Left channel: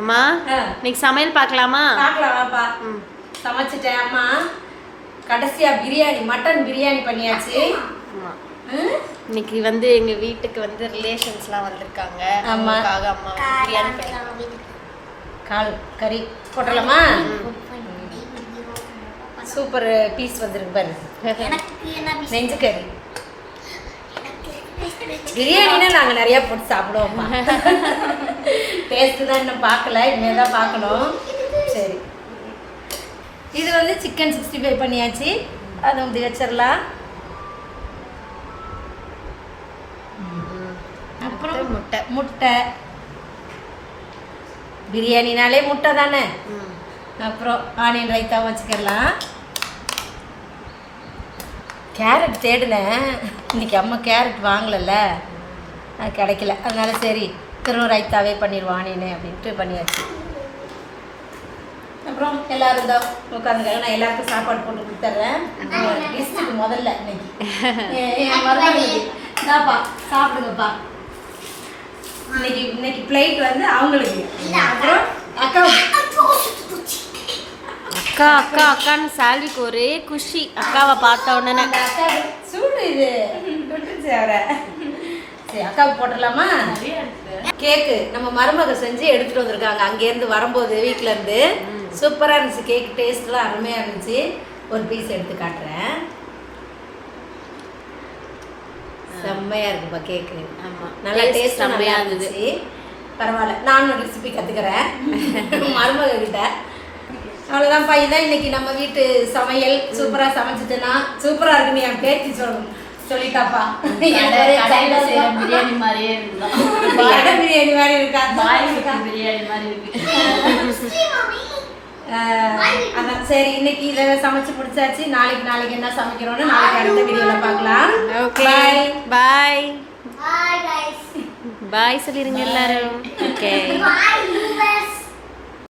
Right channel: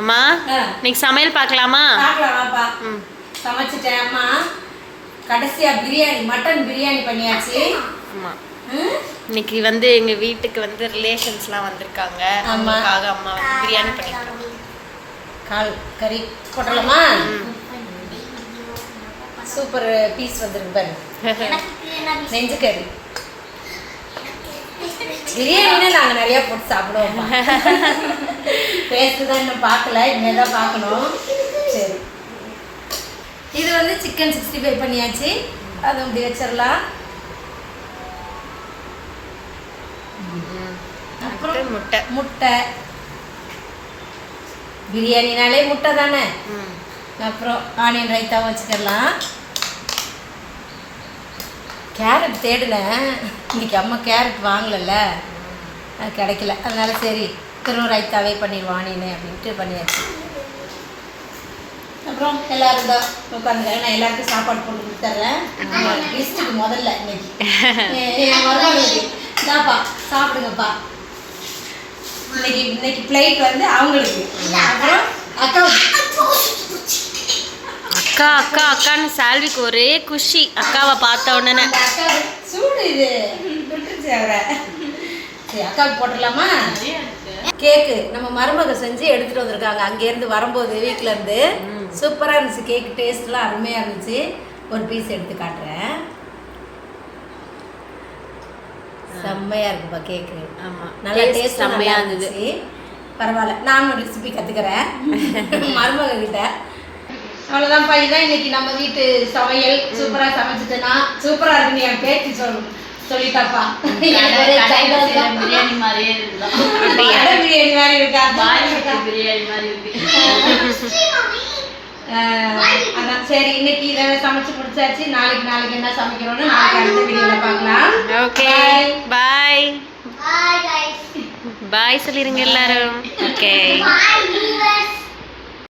அம்மா இன்னைக்கு சமையல் பார்க்கலாமா? பார்க்கலாம் வாப்பா. சமைச்சிட்டேன் அம்மா. கடைசியா பிரியாணி, மட்டன் பிரியாணி பண்ணியாச்சு. ஆமா. இன்னைக்கு வந்து எங்க வீட்டுக்கு வந்து ரிலேஷன்ஸ்லாம் வந்திருக்காங்க. அம்மாக்காக அம்மா வந்து பிரியாணி பண்ணிருக்காங்க. கால் கறி போட்டலாமா? சூப்பர் பீஸ் வந்திருக்கு பாரு. நெஞ்சு கறி பிரியாணினா நாங்கள் நிறையா போட்டு சாப்பிடுவோம். டேஸ்ட்டு தான் இன்னும் பார்க்கல, இனிமேல் தான் பார்க்கணும். சரி, இது வந்து சிக்கன் 65 பண்ணியாச்சு. அது வந்து வச்சிடலாம். அப்புறம் முட்டை முட்டை பிரியாணினாலே முட்டை தானே. அப்புறம் ஆனியன் ரைத்தாவும் வச்சுக்கலாம். கேரட் தேடினேன், இன்னைக்கு அம்மா கேரட் வாங்கலைல்ல, அது கிடைக்கல. அதனால சரி திரும்ப ரைத்தாவே பண்ணிடுவோம் ஆனியனு அப்படின்ட்டு பண்ணியாச்சு. அப்புறம் எல்லோரும் தான் உட்காந்துக்காக நான் எல்லாருக்கும் சாப்பாடு போட்டு கொடுத்துட்றேன். லிஸ்ட்டுக்கு முதல்ல இன்னைக்கு என் மருமகளுக்கு இதாப்பா சாப்பிடுங்கப்பா. இன்னைக்கு பிளேட் வந்து அவங்களுக்கு. அப்புறம் அக்கா அக்கா அக்கா அக்கான்னு சால்விக்கு ஒரே குஷி அக்காவை பார்த்த உடனே. அக்கா சூடு இது விட்டுருச்சு அவரை. சரி அக்காவுக்கு போட்டுடலாமா? கேக்கு நம்ம மருமக செஞ்சு எடுத்துகிட்டு வந்திருக்காங்க அங்கேருந்து வரும்போது வீட்டிலேருந்து. சூப்பராக இருந்துச்சு கேக், டேஸ்ட்லாம் அருமையாக இருந்துச்சு. ஒரு பீஸ் எடுத்து காட்டுறேன். செம்மையாக இருக்குப்பா கேக்கு. ஆமாம், நல்லா டேஸ்ட்டாக நல்லா இருந்துச்சு. பரவாயில்ல, நானும் ரெசிபி கற்றுக்கிறேன் மருமக கிட்ட. அவ்வளோதான்ப்பா, இதுதான் இன்னைக்கு நம்ம வீட்டு சமையல். சூப்பராக சமைச்சிட்டேன்னா சூப்பராக இருக்குன்னு என் பேச்சு சொல்லிட்டாப்பா. பிரியாணி மாதிரியே இருக்கலாம். பிரியாணி மாதிரி இருக்கா? பிரியாணி மாதிரி இருக்கு. அதான் சரி, இன்னைக்கு இதை சமைச்சு முடிச்சாச்சு. நாளைக்கு என்ன சமைக்கிறோன்னு நாளைக்கு அடுத்த வீடியோவில் பார்க்கலாம். ஓகே, பாய் பாய் சொல்லிருங்க எல்லாரும். ஓகே.